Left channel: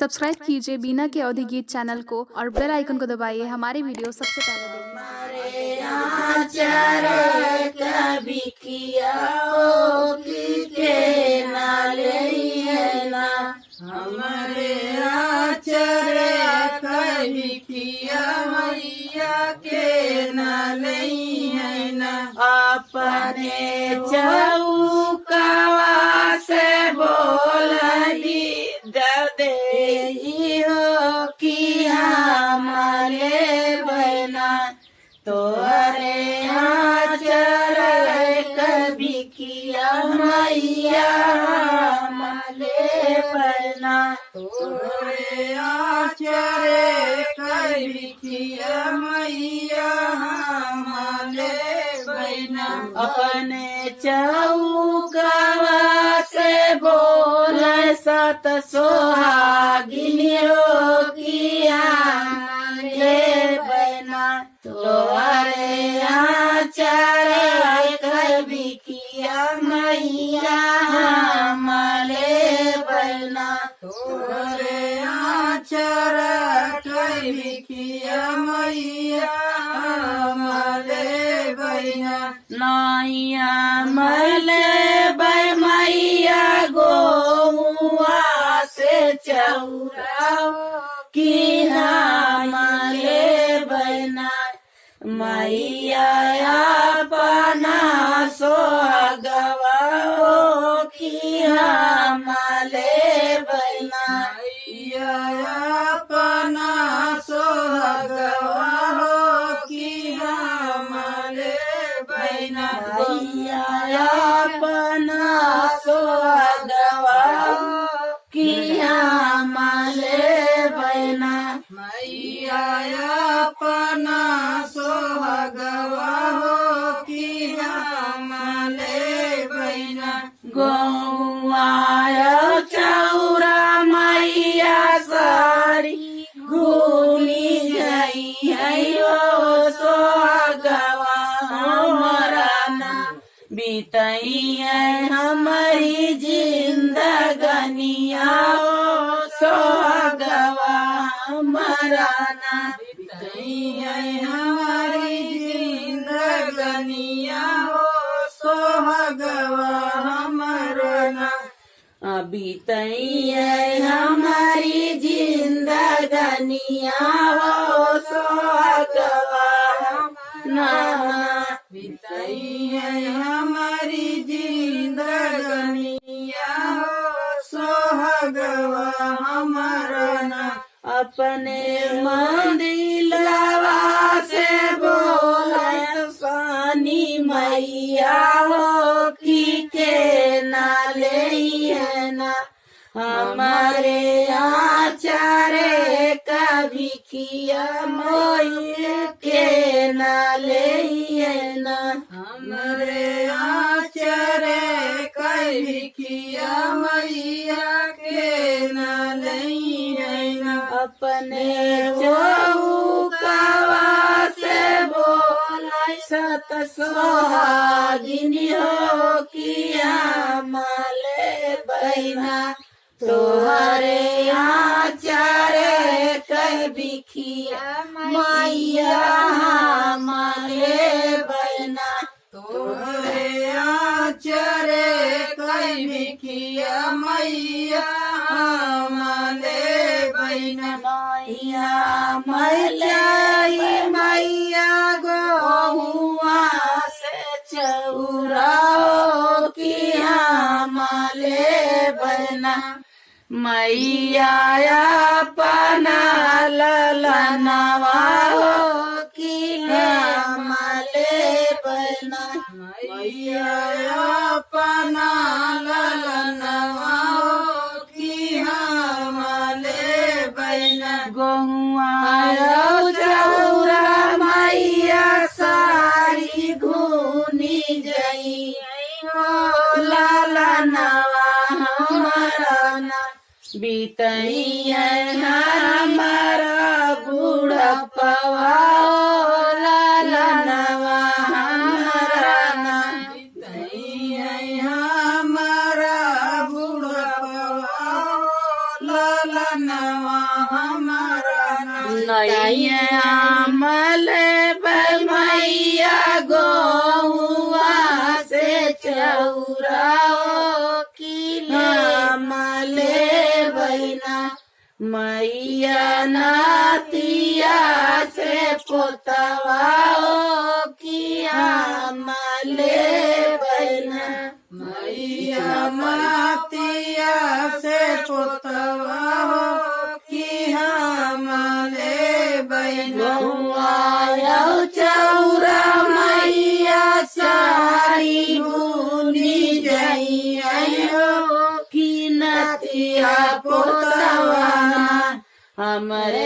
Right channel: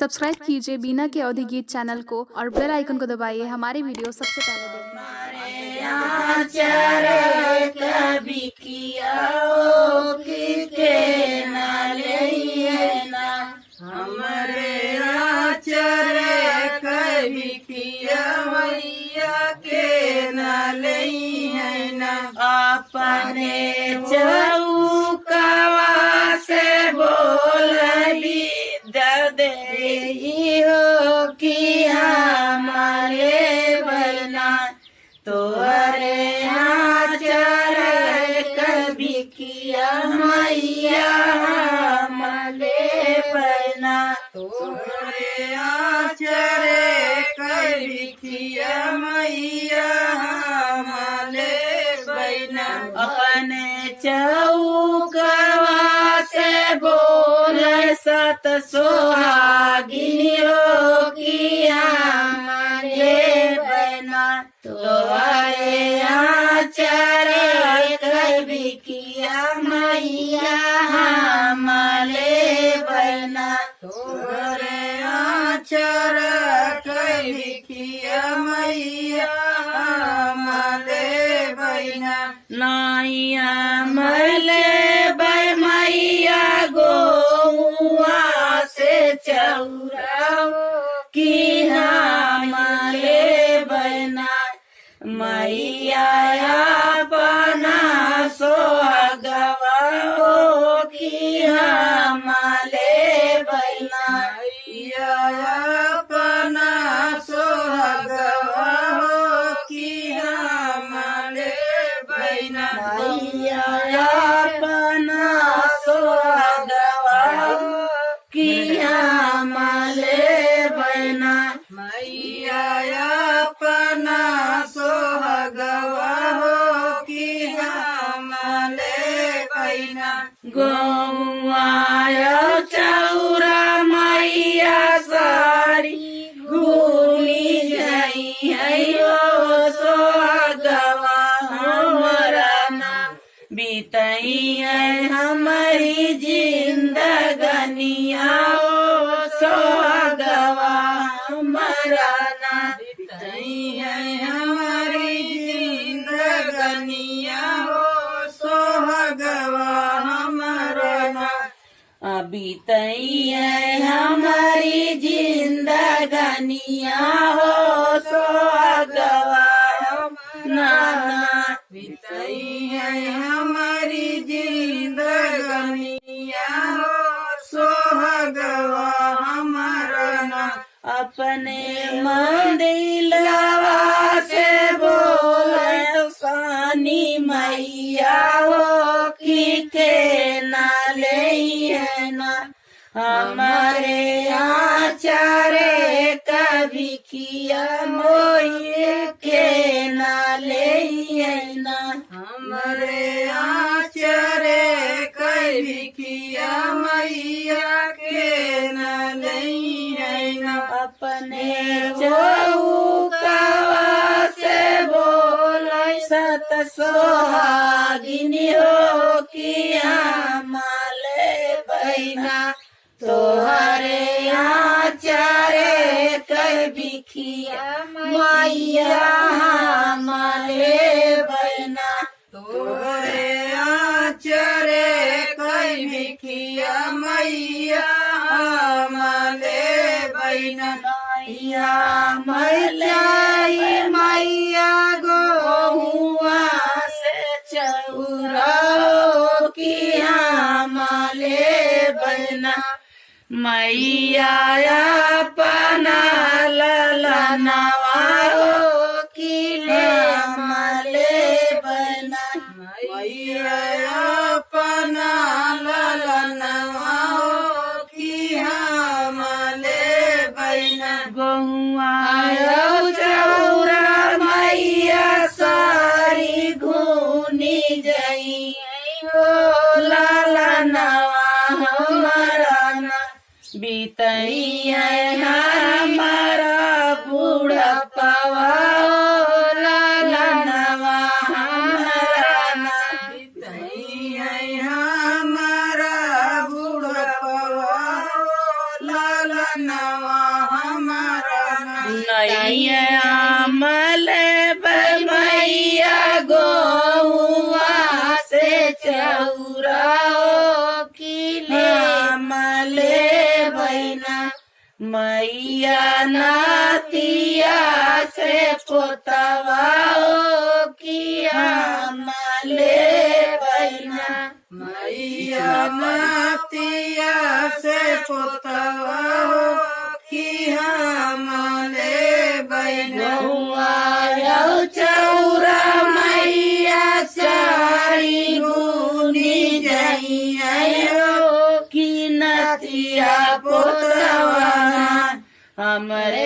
सब्सक्राइब कीजिए बीना के अवधि गीत चैनल को और बेल आइकन को दबाइए हमारी वीडियो सबसे पहले देखने कभी किया के ना हमारे आचर कभी किया मैया के ना अपने चौकवा से बोलगी दे हो कि हमारे बना तोरे आचर कभी किया मैया हमारे बना तोरे आचर कभी किया मैया हमारे बना अपने चौकवा से बोले सत सोहागिनियों की हमारे बना तोरे आचर कभी किया मैया हमारे बना तोरे आचर कभी किया मैया हमारे बना नैया मले मैया गोवा से चौराओ की हमारे बना मैया अपना सोहगवाओ की हमारे बना मैया अपना सोहगवाओ की हमारे बना मैया अपना सोहगवाओ की हमारे बना मैया अपना सोहगवा हो कि हमारे बना गौआया चौरा मैया सारी घूमी गई है सोहगवा हमारा ना बीतई है हमारी जिंदगनिया सोहगवा हमारा ना बीतई है हमारी जिंदगनिया हो सोहगवा हमारा ना बीतई है हमारी जिंदगनिया हो सोहगवा ना बीतई है हमारी जिंदगनिया हो सोहगवा हमारा ना अपने मंदिलवा से बोले सानी मैया हो कि के नाले है ना हमारे आचारे कभी किया मोये के नाले है ना हमारे आचारे कभी किया मैया के नाले है ना अपने चौकवा से बोले सत सोहागिनी हो किया माले बहना तोहरे आचारे कभी किया मैया हमारे बहना तोहरे आचारे कभी किया मैया हमारे बहना मैया मैया गोहुआ से चौराओ की हमारे बहना मैया अपना ललनवाओ की हमारे बहना मैया अपना ललनवाओ की हमारे बहना गहुआ चौरा मैया सारी घूनी गई हो लालनवा हमारा ना बीतई है हमारा बूढ़ा पवा लालनवा हमारा ना बीतई है हमारा बूढ़ा पवा लालनवा हमारा नैया मले भैया गौआ से चौराओ की मले बहना मैया नातिया से पोतवाओ किया मले बहना मैया नातिया से पोतवाओ किया मले बहना चौरा मैया साड़ी बुनी जाइयो की नतिया पोतवाना हमरे